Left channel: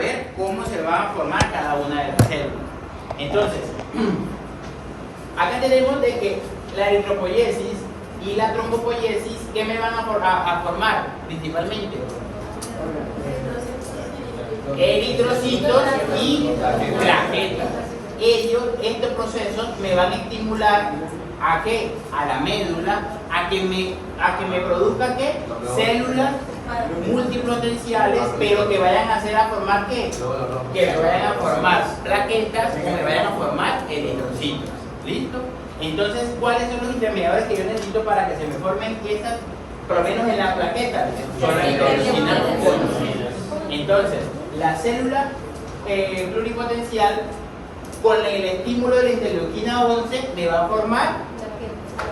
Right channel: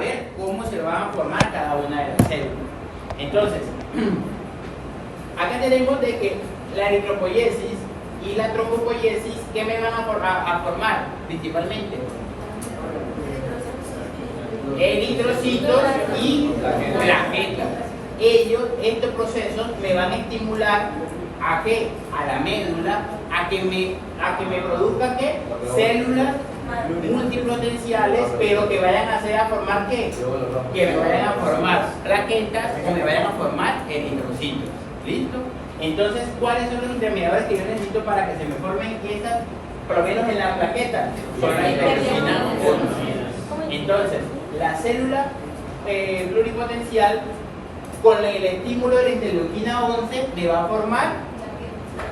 ver cómo se van a formar cada una de las células. Entonces, acá tenemos de que la eritropoiesis y la trombopoiesis, ¿qué me van a formar principalmente? Eritrocitos y plaquetas. Estos procesos me van a estimular ¿a qué? A la médula, a que me produzca ¿qué? Células multipotenciales, pero que vayan a hacer a formar ¿qué? Que me vayan a formar plaquetas, que me vayan a formar eritrocitos. ¿Listo? Entonces, ¿cuáles son los intermediadores que yo necesito para que se me formen estas, por lo menos en la plaqueta? Son las interleucinas 11. Entonces, la célula pluripotencial con el estímulo de la interleuquina 11 me va a formar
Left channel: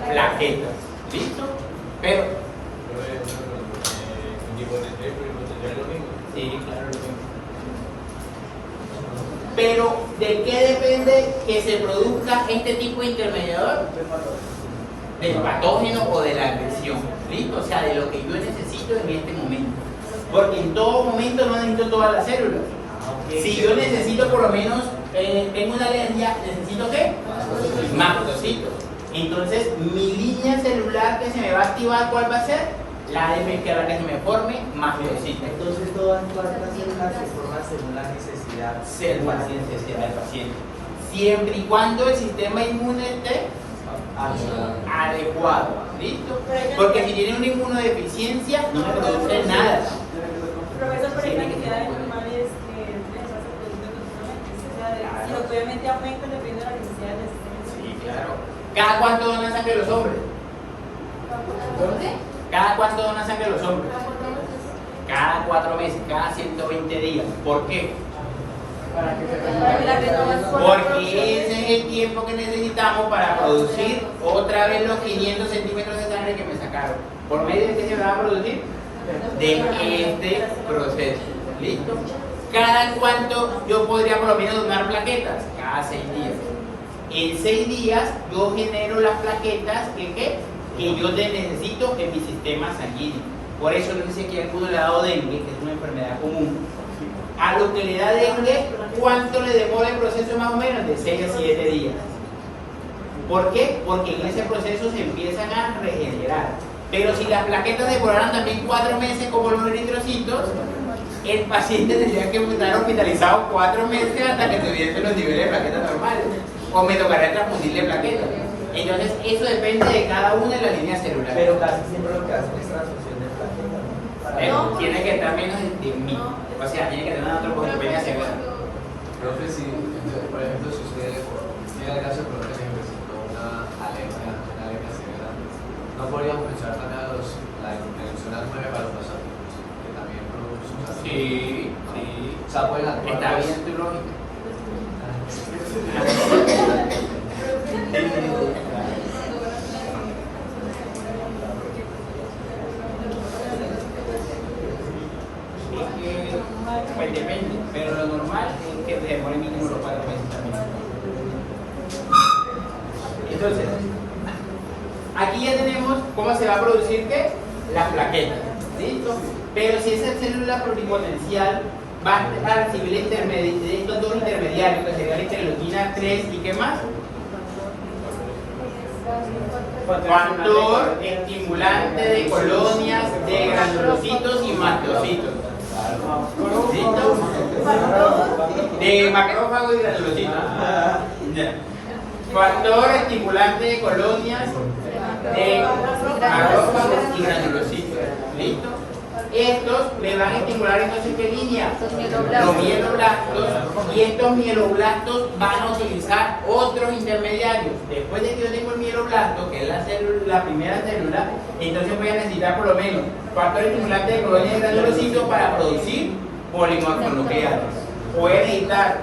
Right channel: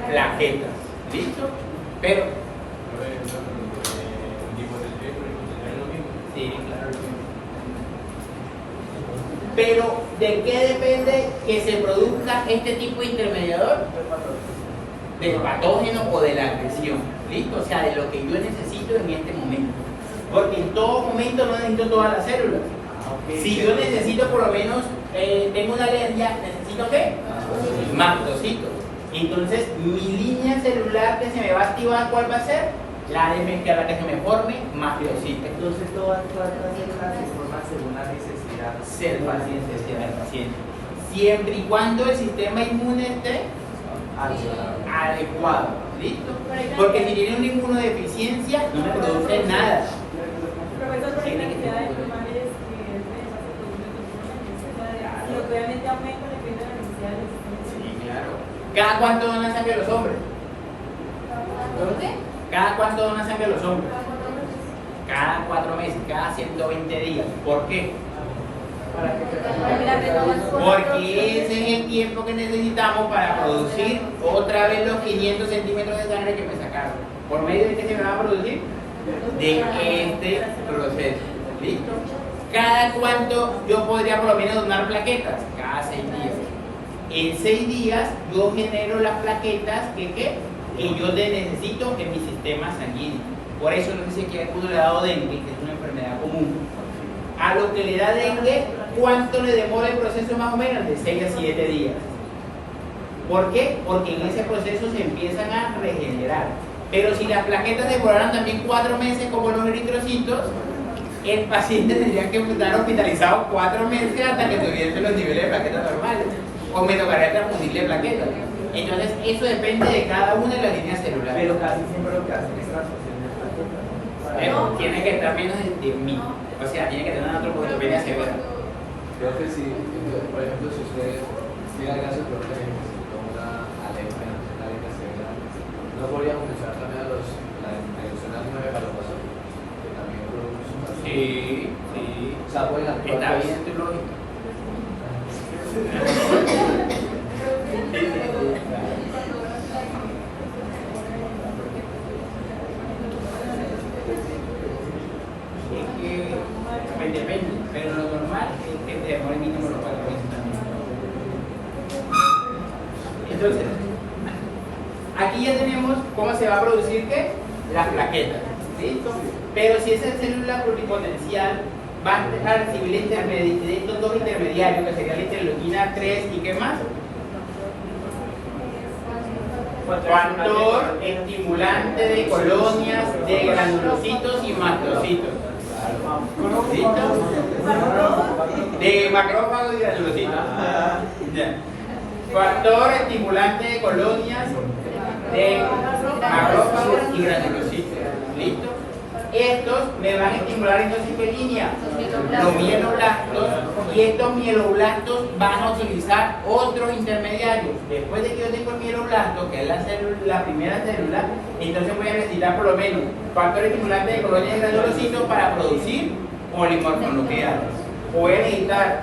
plaquetas. ¿Listo? Pero sí, claro. Pero, ¿de qué depende que se produzca este tipo de intermediador? Del patógeno o de la agresión. ¿Listo? O sea, de lo que yo necesito en este momento. Porque en todo momento no necesito todas las células. Si yo necesito por lo menos, tengo una alergia, ¿necesito qué? Mastocitos. Entonces, mi línea celular que se me va a activar, ¿cuál va a ser? La que se me forme mastocitos. Entonces, todas las células se forman según la necesidad del paciente. Siempre y cuando el sistema inmune esté adecuado. ¿Listo? Porque si tiene una inmunodeficiencia, no me produce nada. Profesor, por ejemplo, que queda de normales que obviamente aumenta dependiendo de la necesidad del sistema. Sí, claro. ¿Cada cuánto donan sangre los hombres? ¿Cada cuánto donan sangre los hombres? Cada 4 meses, cada 120 días. ¿Por qué? Porque ese es el tiempo que necesitamos para producir otra vez los 500 centímetros de sangre que me sacaron. ¿Por medio de qué se me va a producir? De este proceso. ¿Listo? ¿Cada cuánto yo podría por lo menos donar plaquetas? Cada 6 días. En 6 días yo genero las plaquetas que yo necesito en mi sistema sanguíneo. Por eso no dice que a uno le ha dado dengue, que es una enfermedad común. A lo que le da dengue, ¿cuánto le demora el proceso más o menos? De 6 a 7 días. ¿Por qué? Porque en ese proceso se empiezan a regenerar. Pero si las plaquetas demoraran también 4 meses como los eritrocitos, el paciente tendría que estar hospitalizado 4 meses hasta que tuviese los niveles de plaquetas normales. O me tocaría transfundirle plaquetas. Entonces, eso depende de cada una de las líneas celulares. Pero casi siempre lo que hacen es transfusión de plaquetas. Tiene que estar menos de 10.000. O sea, tiene que tener una trombocitopenia severa. Creo que sí, entonces, por ejemplo, si usted llega al caso de que necesita una alergia severa, no podríamos usar también la interleucina 9 para los pacientes, que también produce un paciente. Sí. O sea, pueden actuar. Está bien en tu lógica. Pues depende, pero lo normal es que demore mínimo los 4 meses también. Entonces, aquí ya tenemos cómo se va a producir ¿qué? Las plaquetas. ¿Listo? Pero si esa célula pluripotencial va a recibir estos dos intermediarios, que sería la interleuquina 3 y ¿qué más? Factor estimulante de colonias de granulocitos y mastocitos. ¿Listo? De macrófagos y granulocitos. Ya. Factor estimulante de colonias de macrófagos y granulocitos. ¿Listo? Estos me van a estimular entonces ¿qué línea? Los mieloblastos, y estos mieloblastos van a utilizar otros intermediarios. Después de que yo tengo el mieloblasto, que es la primera célula, entonces voy a necesitar por lo menos factor estimulante de colonias de granulocitos para producir polimorfonucleares. Voy a necesitar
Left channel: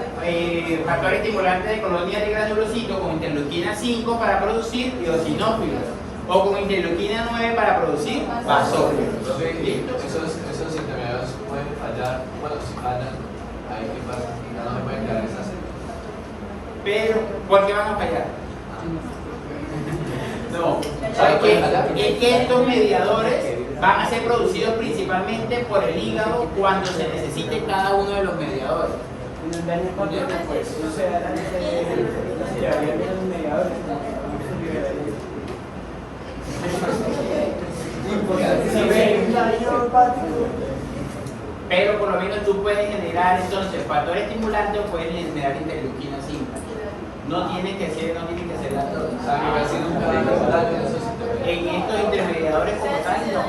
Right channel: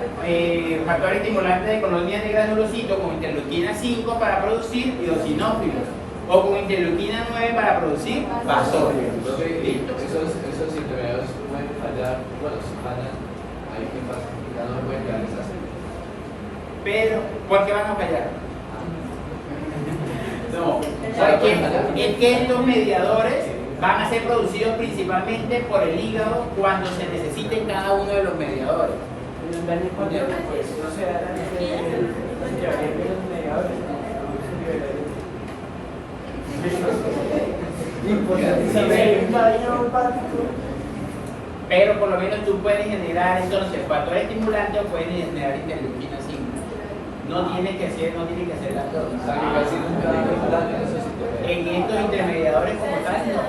factor estimulante de colonias de granulocitos con interleuquina 5 para producir eosinófilos, o con interleuquina 9 para producir basófilos. Esos intermediarios pueden fallar, bueno, si fallan, ahí que pasa, ya no se pueden quedar esas. Pero, ¿por qué van a fallar? No, es que estos mediadores van a ser producidos principalmente por el hígado cuando se necesite cada uno de los mediadores. Pero por lo menos tú puedes generar entonces factor estimulante o puedes generar interleuquina simple. No tiene que ser las dos. O sea, que casi nunca hay un daño en esos intermediarios. En estos intermediadores como tal, no.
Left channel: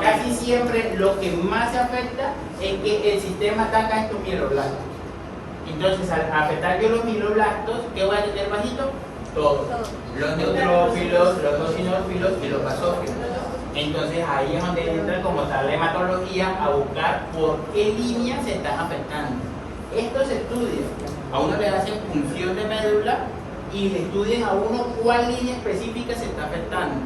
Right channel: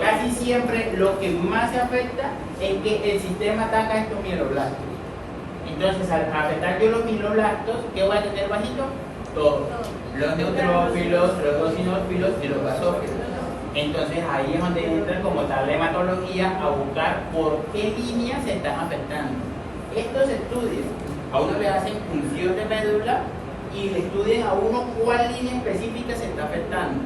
Casi siempre lo que más afecta es que el sistema ataca estos mieloblastos. Entonces, al afectar yo los mieloblastos, ¿qué voy a tener bajito? Todos. Los neutrófilos, los eosinófilos y los basófilos. Entonces, ahí es donde entra como tal la hematología a buscar por qué líneas se están afectando. Estos estudios, a uno le hacen punción de médula y le estudian a uno cuál línea específica se está afectando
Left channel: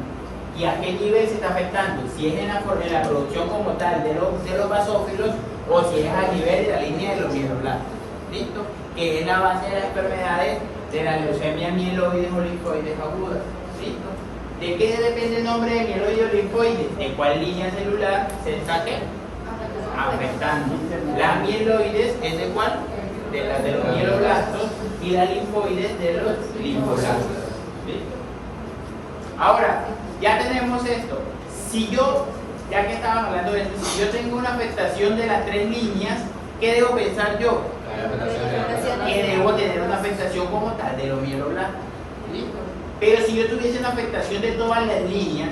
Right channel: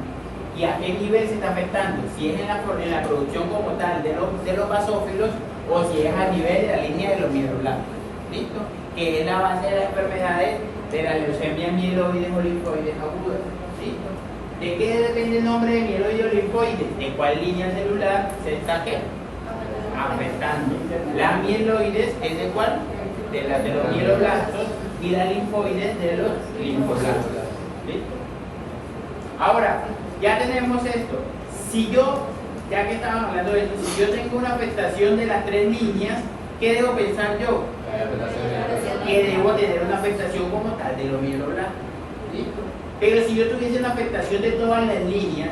y a qué nivel se está afectando, si es en la producción como tal de los basófilos o si es a nivel de la línea de los mieloblastos. ¿Listo? Que es la base de las enfermedades de la leucemia mieloides o linfoides agudas. ¿Listo? ¿De qué depende el nombre de mieloides o linfoides? ¿De cuál línea celular se está afectando? Las mieloides es de cuál? De los mieloblastos y las linfoides de los linfoblastos. ¿Listo? Ahora, ya tenemos esto. Si yo, ya que estaban hablando de esto, si yo tengo una afectación de las tres líneas, ¿qué debo pensar yo? Que debo tener una afectación como tal de los mieloblastos. ¿Listo? Pero si yo tuviese una afectación de todas las líneas,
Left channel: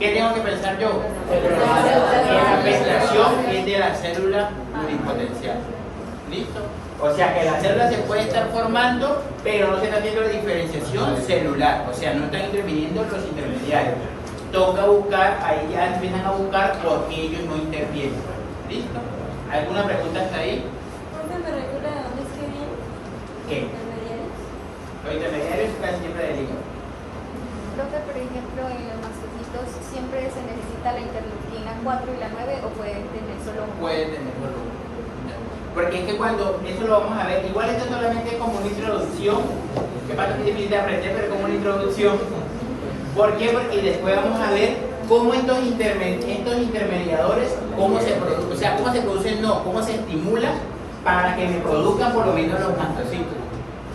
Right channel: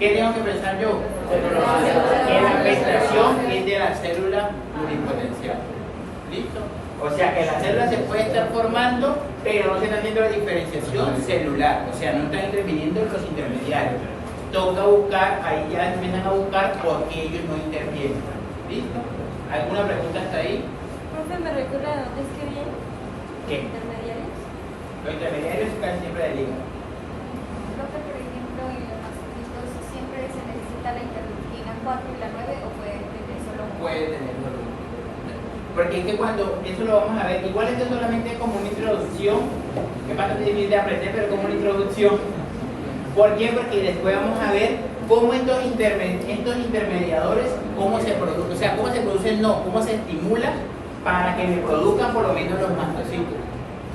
¿qué tengo que pensar yo? Que la afectación es de la célula pluripotencial. ¿Listo? O sea que la célula se puede estar formando, pero no se está haciendo la diferenciación celular. O sea, no están interviniendo los intermediarios. Toca buscar, ahí ya empiezan a buscar por qué ellos no intervienen. ¿Listo? ¿Alguna pregunta hasta ahí? Porque me recuerda a dónde es que viene. ¿Qué? ¿Intermediarios? Los intermediarios están siempre de liga. Creo que, por ejemplo, en los mastocitos siempre se necesita la interleuquina 4 y la 9 o puede tener solo uno. Puede tenerlo. Porque es que cuando, eso lo vamos a ver, igual esto solamente es como una introducción, que pasa que es difícil de aprender, pero como una introducción. ¿Por qué? Porque después vamos a ver cómo estos intermediadores, cómo se producen, o sea, cómo se producen, no, cómo se estimulan para que me produzcan por lo menos los mastocitos.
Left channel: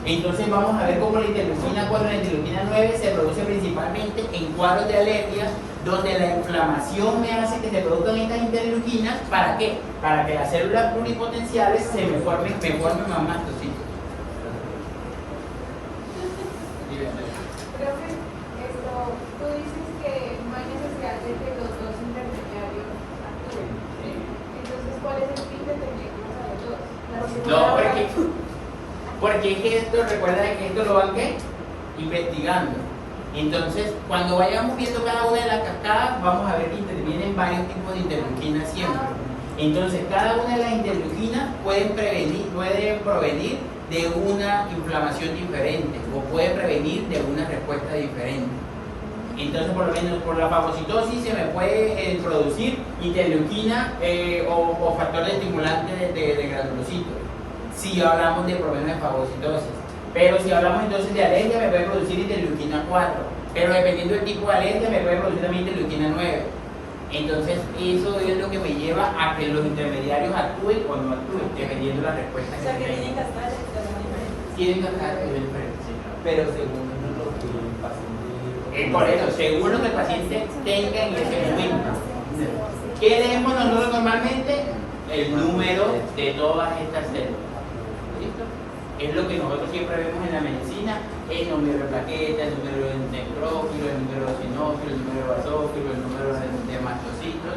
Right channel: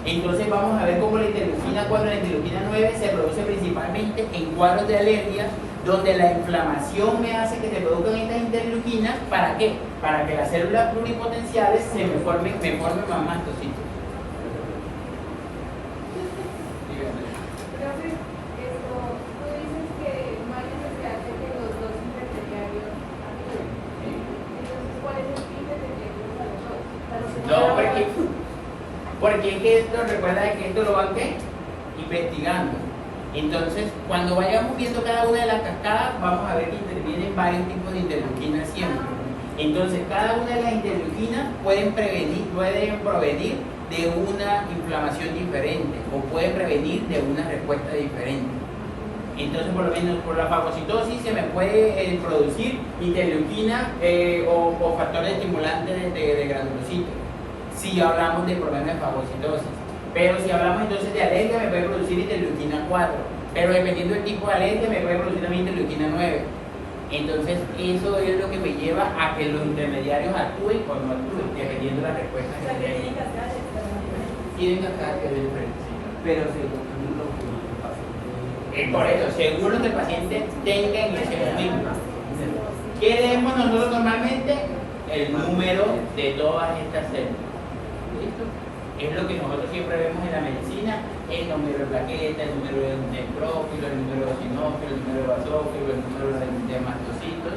Entonces vamos a ver cómo la interleuquina 4 y la interleuquina 9 se produce principalmente en cuadros de alergia, donde la inflamación me hace que se produzcan estas interleuquinas. ¿Para qué? Para que las células pluripotenciales me formen más mastocitos. Profe, tú dices que no hay necesidad de que los dos intermediarios actúen. Entonces, ¿cuál es el fin de tenerlos a los dos? No, porque es que esto, recuerda que esto lo van ¿qué? Investigando. Entonces, cuando vayamos viendo cada una de las cascadas, vamos a ver que intervienen varios tipos de interleuquinas siempre. Entonces, cada una de las interleuquinas pueden provenir de una inflamación diferente o pueden prevenir de una respuesta diferente. Entonces, por lo menos por la fagocitosis se me puede producir interleuquina o factores estimulantes de granulocitos, si hablamos de problemas de fagocitosis. Pero si hablamos entonces de alergia, me puede producir interleuquina 4. Pero dependiendo del tipo de alergia, me puede producir también interleuquina 9. Entonces, eso es lo que me lleva a que los intermediarios actúen o no actúen, dependiendo de la respuesta O sea, que que tienen tengan. cascadas de vitamina. Tienen cascadas de diferentes. Pero según lo que el paciente. Por eso, según lo que el paciente tenga en ese momento. ¿Qué leemos nosotros normalmente? El número de todas estas células. ¿Listo? Es lo que nosotros siempre vemos en la medicina, el número de plaquetas, el número de neutrófilo, el número de eosinófilo, el número de basófilo, el número de mastocitos,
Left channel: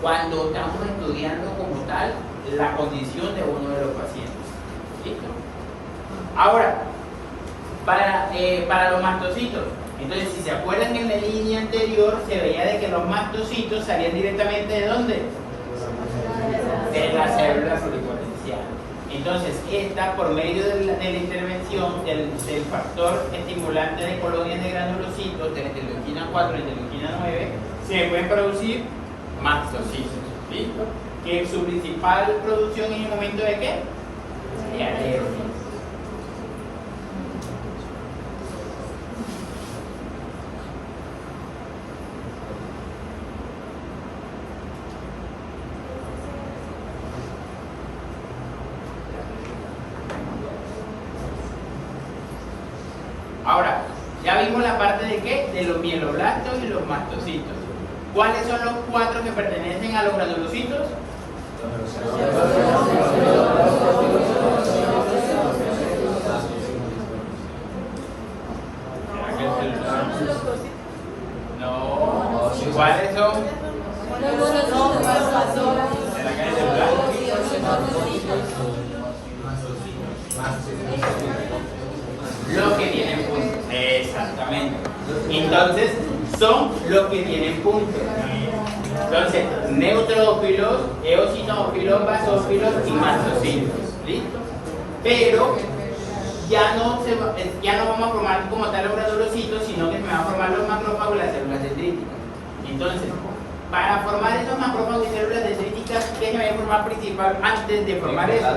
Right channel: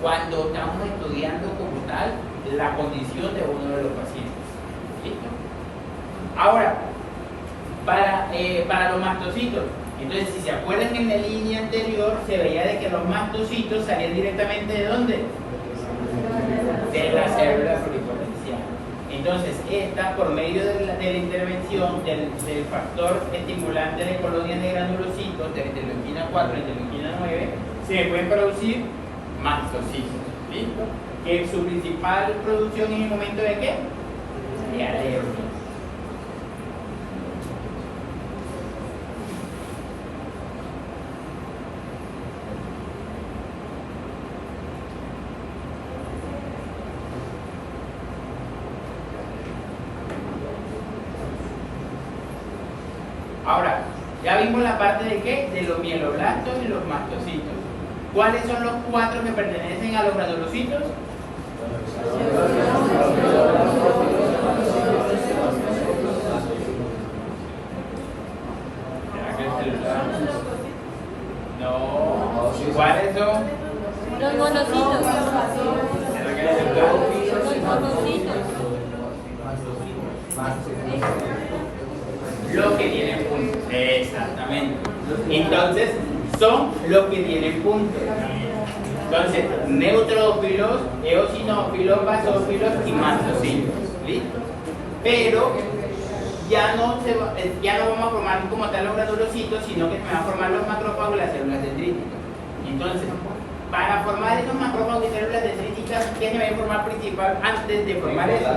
cuando estamos estudiando como tal la condición de uno de los pacientes. ¿Listo? Ahora, para los mastocitos, entonces si se acuerdan en la línea anterior, se veía de que los mastocitos salían directamente ¿de dónde? De la célula pluripotencial. Entonces, esta, por medio de la intervención del factor estimulante de colonias de granulocitos, de interleuquina 4 y interleuquina 9, se pueden producir mastocitos. ¿Listo? Que su principal producción en el momento de qué? De alergia. vimos la parte de qué, de los mieloblastos y los mastocitos. ¿Cuáles son los 4 que pertenecen a los granulocitos? No, ¿cuáles son? Los que tienen punto. Exactamente. Entonces, son los que tienen punto. Entonces, neutrófilos, eosinófilos, basófilos y mastocitos. ¿Listo? Pero ya no vamos a formar como tal los granulocitos, sino que se van a formar los macrófagos y las células dendríticas. Entonces, para formar esos macrófagos y células dendríticas, ¿qué se va a formar principal antes de formar eso?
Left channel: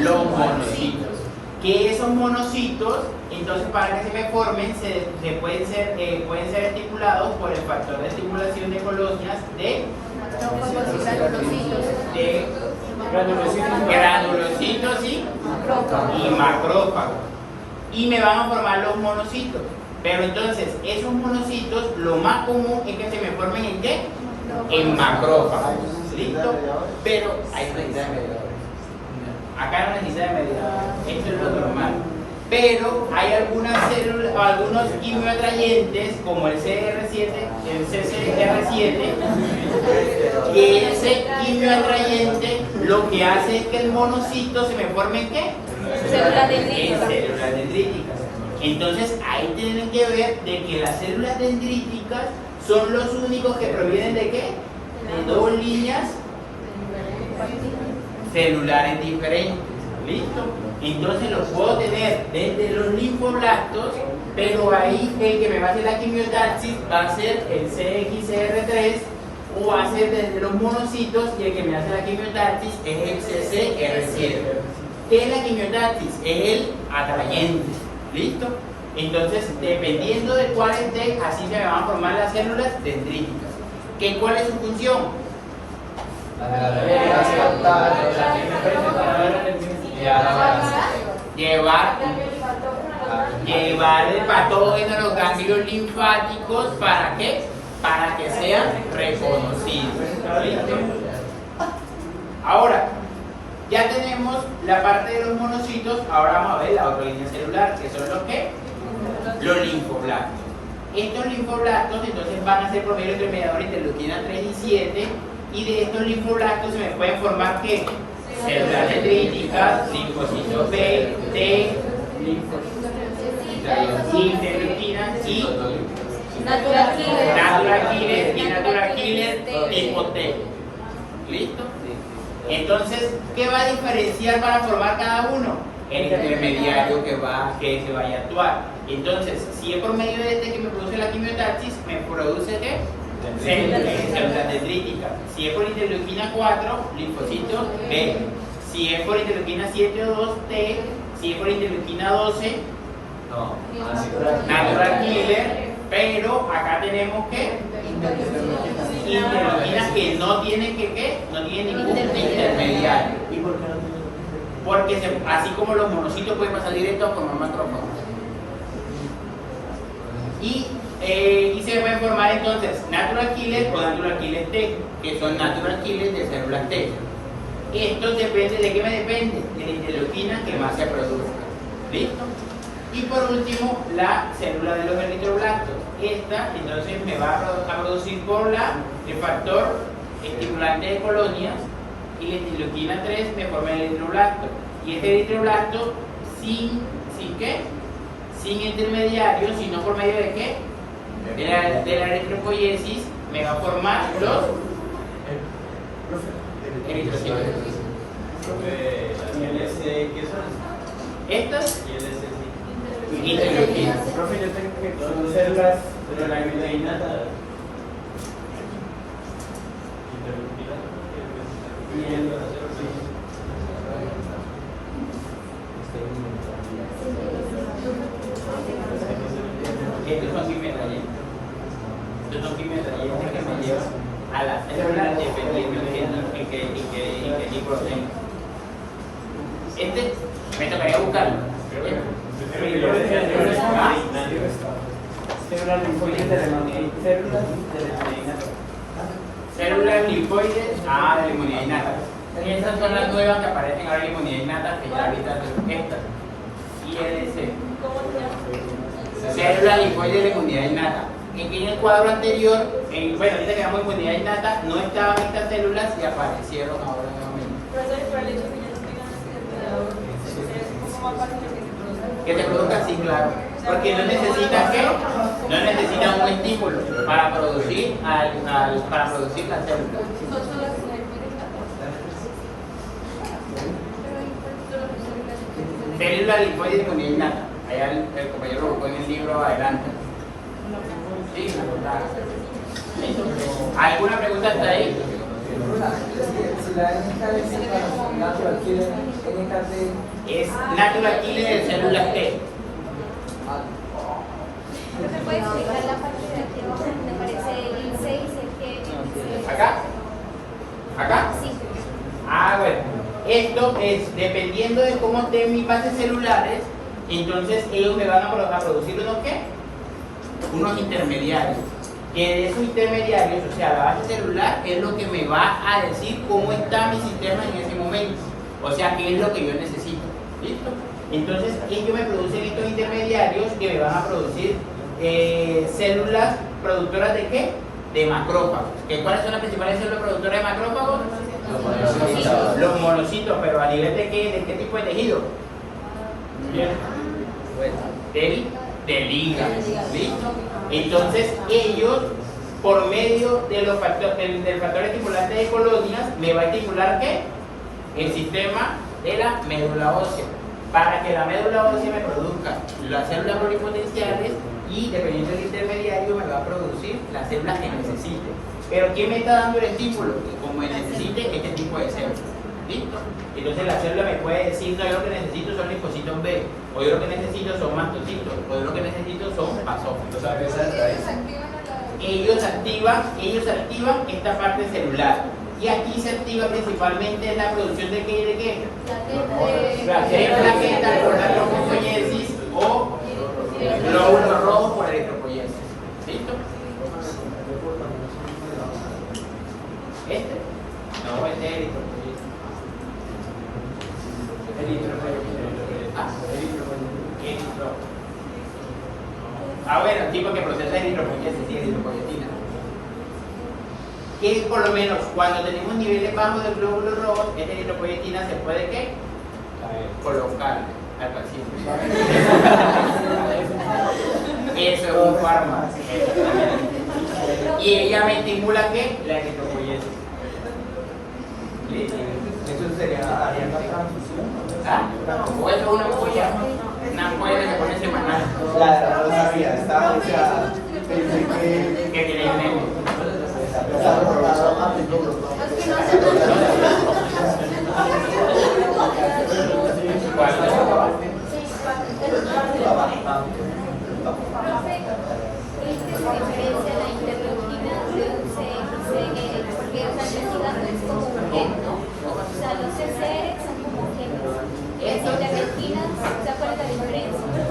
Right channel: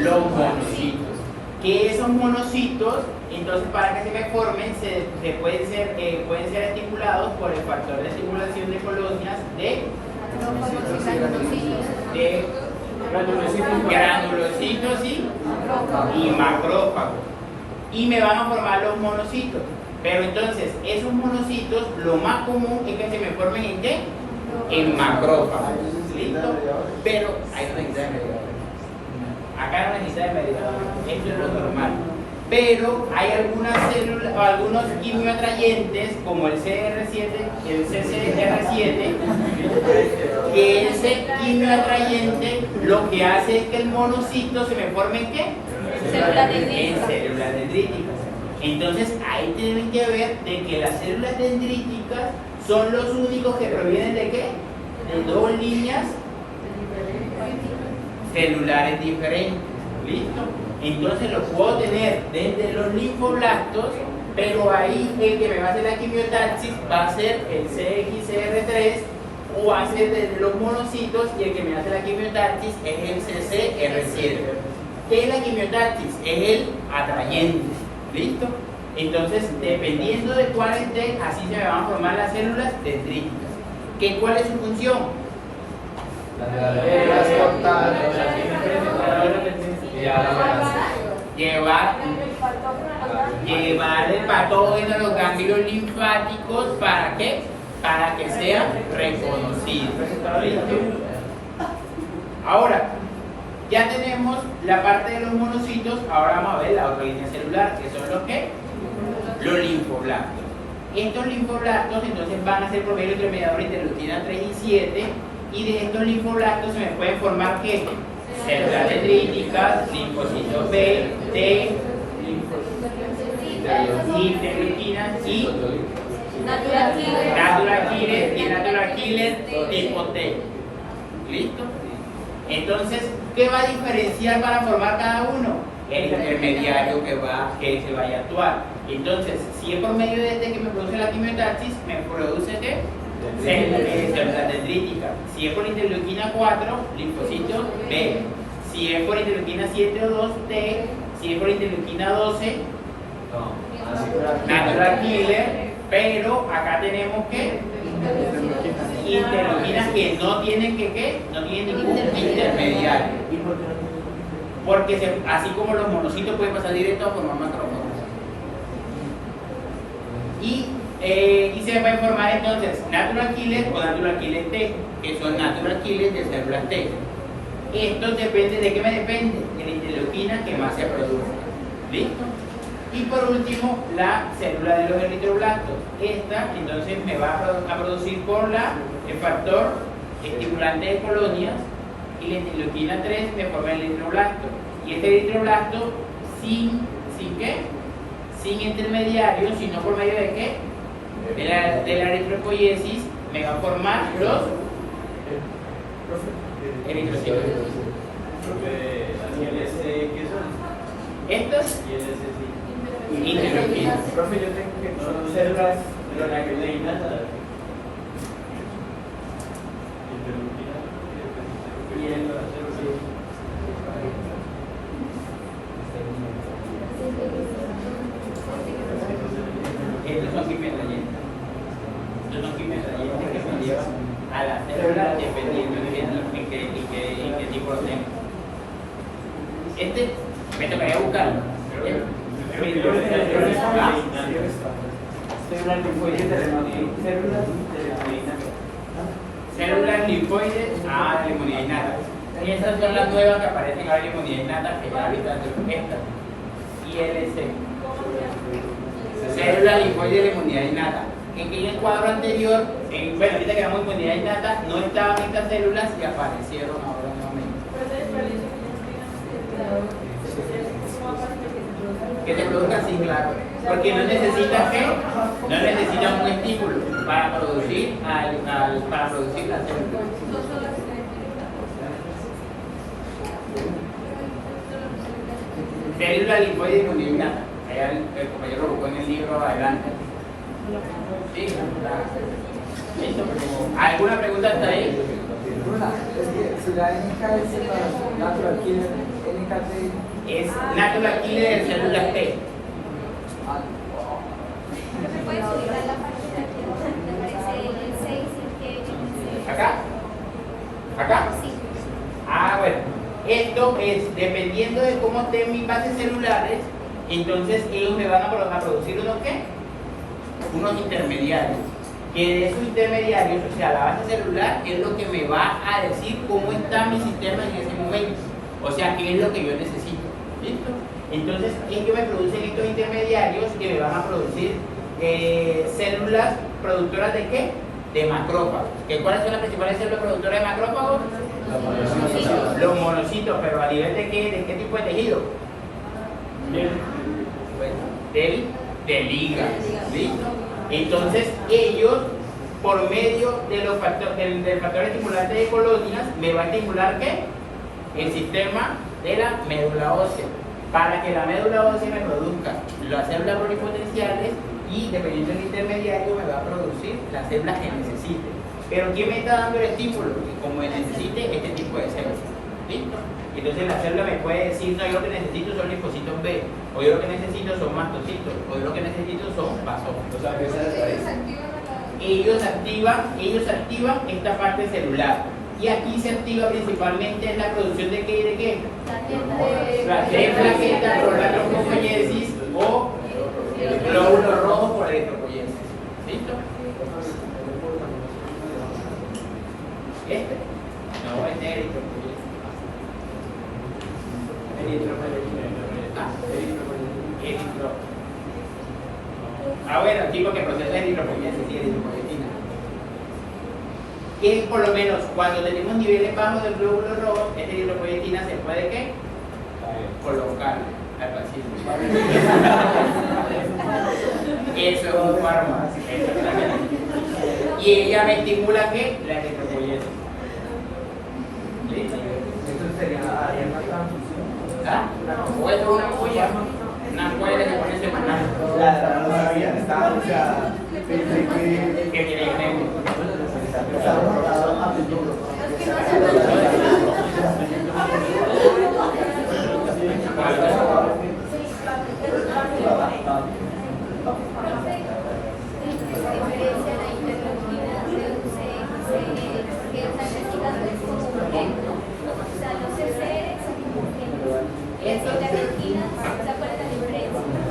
Los monocitos. Que esos monocitos, entonces para que se me formen, pueden ser estimulados por el factor de estimulación de colonias de granulocitos y macrófagos. Y me van a formar los monocitos. Pero entonces, esos monocitos, lo más común es que se me formen en qué? En macrófagos. ¿Listo? Pero hay necesidad de mediadores. Acá no necesita de mediadores. Eso es lo normal. Pero hay algunas células o algunos quimioatrayentes como el CR7, el CCR7, que ese quimioatrayente lo que hace es que el monocito se me forme en qué? En células dendríticas. Entonces ahí tienen que ver de que las células dendríticas son los únicos que provienen de qué? De 2 líneas celulares diferentes. ¿Listo? Entonces los puedo tener desde los linfoblastos, pero ahí el que me va a hacer la quimiotaxis va a ser el CXCR3 o va a ser desde los monocitos, y el que me hace la quimiotaxis es el CCR7. ¿Qué es la quimiotaxis? Es el atrayente. ¿Listo? Entonces, dependiendo de cuál esté, así se van a formar las células dendríticas. ¿Cuál es su función? Llevar el patógeno a los ganglios linfáticos. ¿Para qué? Para que sean reconocidos. ¿Listo? Ahora, ya tenemos la parte de los monocitos. Ahora vamos a ver la otra línea celular, que son los ¿qué? Los linfoblastos. Estos linfoblastos entonces van a ser por medio de mediadores de interleuquina 3 y 7, y de estos linfoblastos se me pueden formar ¿qué? Células dendríticas, linfocitos B, T, interleuquinas y natural killer tipo T. ¿Listo? Entonces, ¿qué va a diferenciar para formar cada uno? El intermediario que se vaya a actuar. Entonces, si es por medio de este que me produce la quimiotaxis, me produce ¿qué? Células dendríticas. Si es por interleuquina 4, linfocito B. Si es por interleuquina 7 o 2, T. Si es por interleuquina 12, natural killer. Pero acá tenemos que interleuquinas que no tienen no tienen ningún intermediario. Porque así como los monocitos pueden pasar directo a formar macrófagos. Y se pueden formar entonces natural killer o natural killer T, que son natural killers de células T. Esto depende de qué me depende, de la interleuquina que más se produzca. ¿Listo? Y por último, la célula de los eritroblastos. Esta entonces me va a producir por el factor estimulante de colonias, y la interleuquina 3 me forma el eritroblasto. Y este eritroblasto sin ¿qué? Sin intermediario, sino por medio de ¿qué? De la eritropoiesis me va a formar los eritrocitos. ¿Qué son? Estas interleuquinas. Profe, yo tengo que son células de la proteína. Estos son quimiotrayenos. Estos son quimiotrayenos que me llevan a la célula dependiendo de qué tipo de. Me tocaría buscarlo. Células linfoides de células linfoides de inmunidad innata. Y esas son las nuevas que aparecen ahora en inmunidad innata, que ahorita son estas. ILC. Células linfoides de inmunidad innata. En el cuadro anterior, bueno, ahorita que llamamos inmunidad innata, no estaban estas células y aparecieron ahora nuevamente. Que te produzca, sí, claro. Porque no necesita qué, no necesita un estímulo para producir para producir la célula. Célula linfoide de inmunidad innata. Allá el compañero lo buscó en el libro adelante. Sí, claro. ¿Alguna pregunta hasta ahí? Si la NK es natural killer, NKT Es natural killer de células T. ¿No me puedes explicar la parte de aquí donde aparece el 6 y el que ¿Acá? ¿Acá? Sí. Bueno. Esto es, dependiendo de cómo estén mis bases celulares, entonces ellos me van a producir unos ¿qué? Unos intermediarios. Que de esos intermediarios, o sea, la base celular es lo que me va a decir cómo está mi sistema en ese momento. O sea, qué es lo que yo necesito. ¿Listo? Entonces, ellos me producen estos intermediarios que me van a producir células productoras de ¿qué? De macrófagos. ¿Cuáles son las principales células productoras de macrófagos? Los monocitos, pero a nivel de qué tipo de tejido? Del hígado. ¿Sí? Entonces ellos, por medio de los del factor estimulante de colonias, me va a estimular ¿qué? El sistema de la médula ósea, para que la médula ósea me produzca las células pluripotenciales y dependiendo del intermediario me va a producir las células que necesite. Pero ¿quién me está dando el estímulo? Como necesite este tipo de células. ¿Listo? Entonces la célula me puede decir, no, yo lo que necesito son linfocitos B, o yo lo que necesito son mastocitos, o yo lo que necesito son basófilos. O sea, que esa es la raíz. Ellos activan esta parte celular. Y aquí se activa principalmente la producción de qué y de qué. Plaquetas por la eritropoiesis o glóbulos rojos por eritropoiesis. ¿Listo? ¿Este? No, este es eritropoiesis. Bueno, digo que proceso de eritropoiesis y eritropoietina. Que por lo menos cuando tenemos niveles bajos del glóbulo rojo, esta eritropoietina se puede ¿qué? Colocar hasta siempre. Y eso es un fármaco. Y ella me estimula ¿qué? La eritropoiesis. ¿Listo? eso sería área de transfusión. O eso es una ampolla que se pone semanal. Ya, no lo sabía, estaba pensada. Pensé que Que tiene negro. estaba rotado a menudo.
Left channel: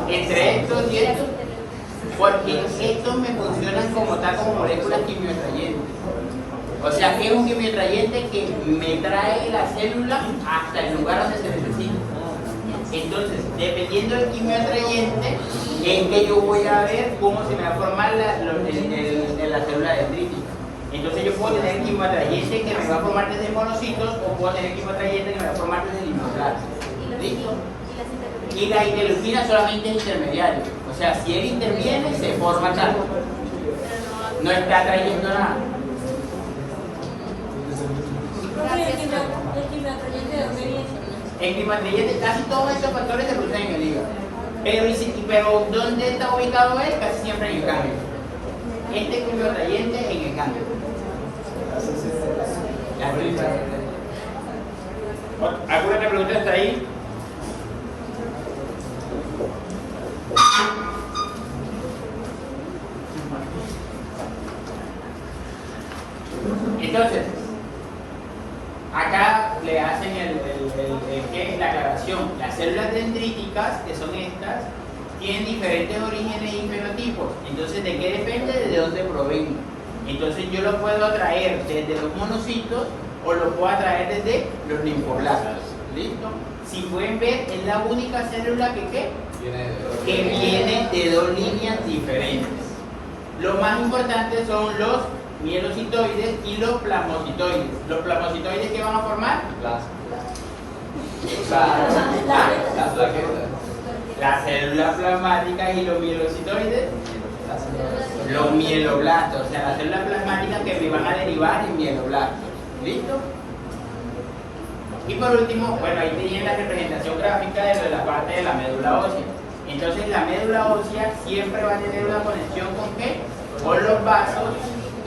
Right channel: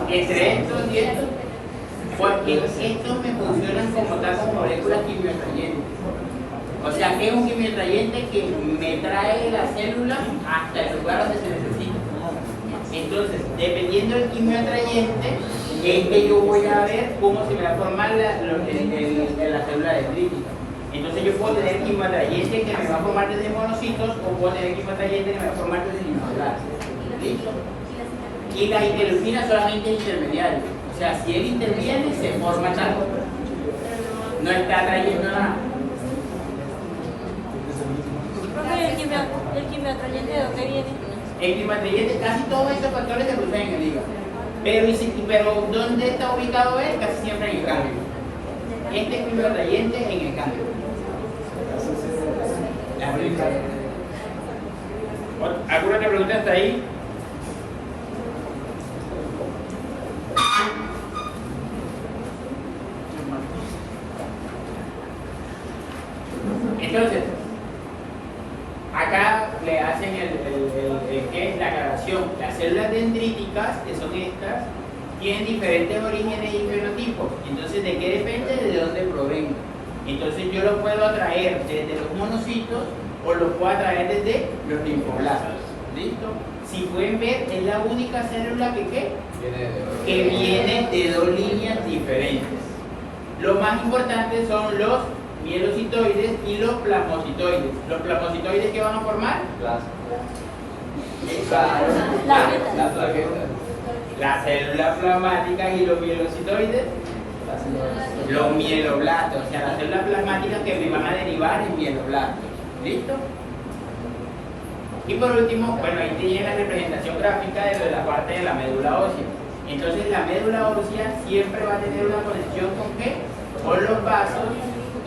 Entre estos y estos, porque estos me funcionan como tal como moléculas quimioatrayentes. O sea, que es un quimioatrayente que me trae la célula hasta el lugar donde se necesita. Entonces, dependiendo del quimioatrayente, es que yo voy a ver cómo se me va a formar la célula dendrítica. Entonces yo puedo tener quimioatrayente que me va a formar desde monocitos o puedo tener quimioatrayente que me va a formar desde linfoblastos. ¿Listo? Y la interleuquina solamente es intermediario. O sea, si él interviene, se forma tal. No está trayendo nada. El quimioatrayente, casi todos esos factores se producen en el hígado. Pero ¿dónde está ubicado él? Casi siempre en el cambio. Este quimioatrayente en el cambio. ¿Alguna otra pregunta hasta ahí? Entonces, acá le hacen la aclaración. Las células dendríticas, que son estas, tienen diferentes orígenes y fenotipos. Entonces, ¿de qué depende? De dónde provenga. Entonces, yo los puedo atraer desde los monocitos o los puedo atraer desde los linfoblastos. ¿Listo? Si pueden ver, es la única célula que viene de dos líneas diferentes. Lo más importante son los mielocitoides y los plasmocitoides. ¿Los plasmocitoides qué van a formar? Las plaquetas. Las células plasmáticas. Y los mielocitoides, los mieloblastos, o sea, las células plasmáticas que me van a derivar en mieloblastos. ¿Listo? Y por último, bueno, ahí tienen la representación gráfica de la parte de la médula ósea. Entonces, la médula ósea siempre va a tener una conexión con ¿qué? Con los vasos,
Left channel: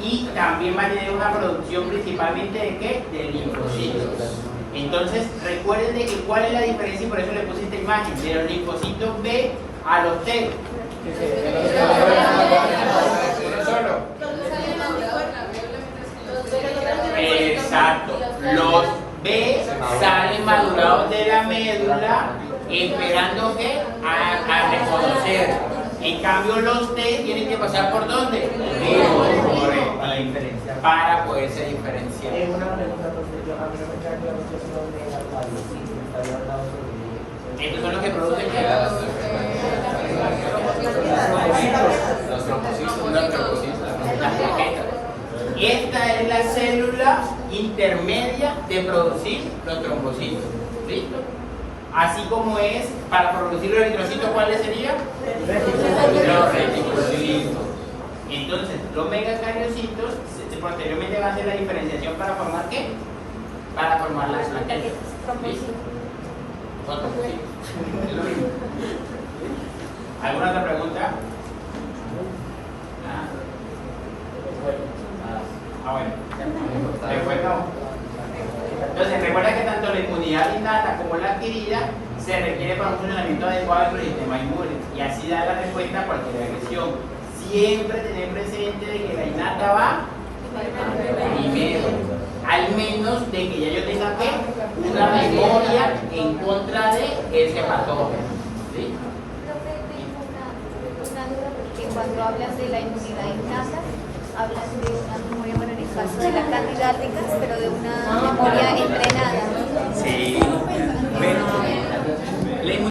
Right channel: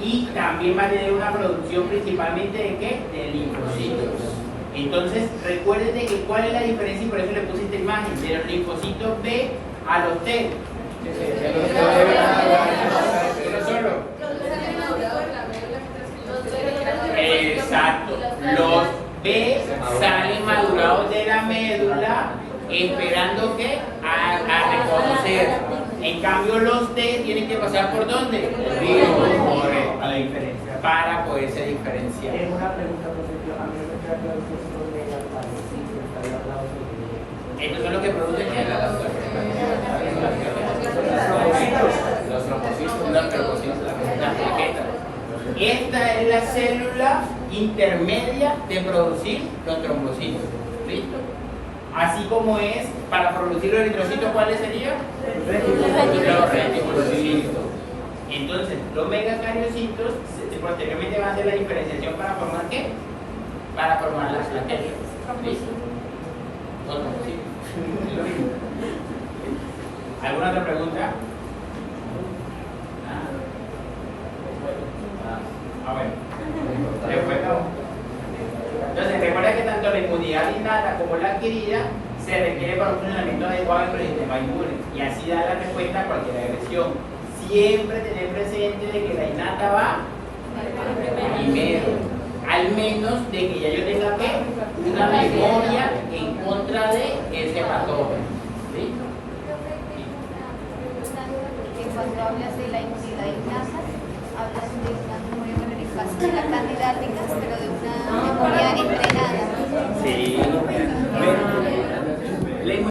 y también va a tener una producción principalmente de ¿qué? De linfocitos. Entonces, recuerden de cuál es la diferencia, y por eso le puse esta imagen, de los linfocitos B a los T. Solo. Exacto. Los B salen madurados de la médula, esperando que a reconocer. En cambio, los T tienen que pasar por ¿dónde? Para la diferencia, para poderse diferenciar. Una pregunta, profesor. A mí no me queda claro estos son de la cuadrocito, está hablando sobre Estos son los que producen Los trombocitos. las plaquetas. Esta es la célula intermedia de producir los trombocitos. ¿Listo? Así como es para producir los eritrocitos, ¿cuáles serían? Los reticulocitos. Entonces, los megacariocitos posteriormente van a hacer la diferenciación para formar ¿qué? Para formar las plaquetas. ¿Listo? Los trombocitos. ¿Alguna otra pregunta? Bueno. Después no. Entonces, recuerda que tanto la inmunidad innata como la adquirida se requiere para un funcionamiento adecuado del sistema inmune, y así dar la respuesta a cualquier agresión. Siempre tener presente de que la innata va primero, al menos de que ya yo tenga que una memoria en contra de ese patógeno. ¿Sí? Cuando hablas de la inmunidad innata, hablas de una memoria, bueno, de la cantidad de pero de una memoria entre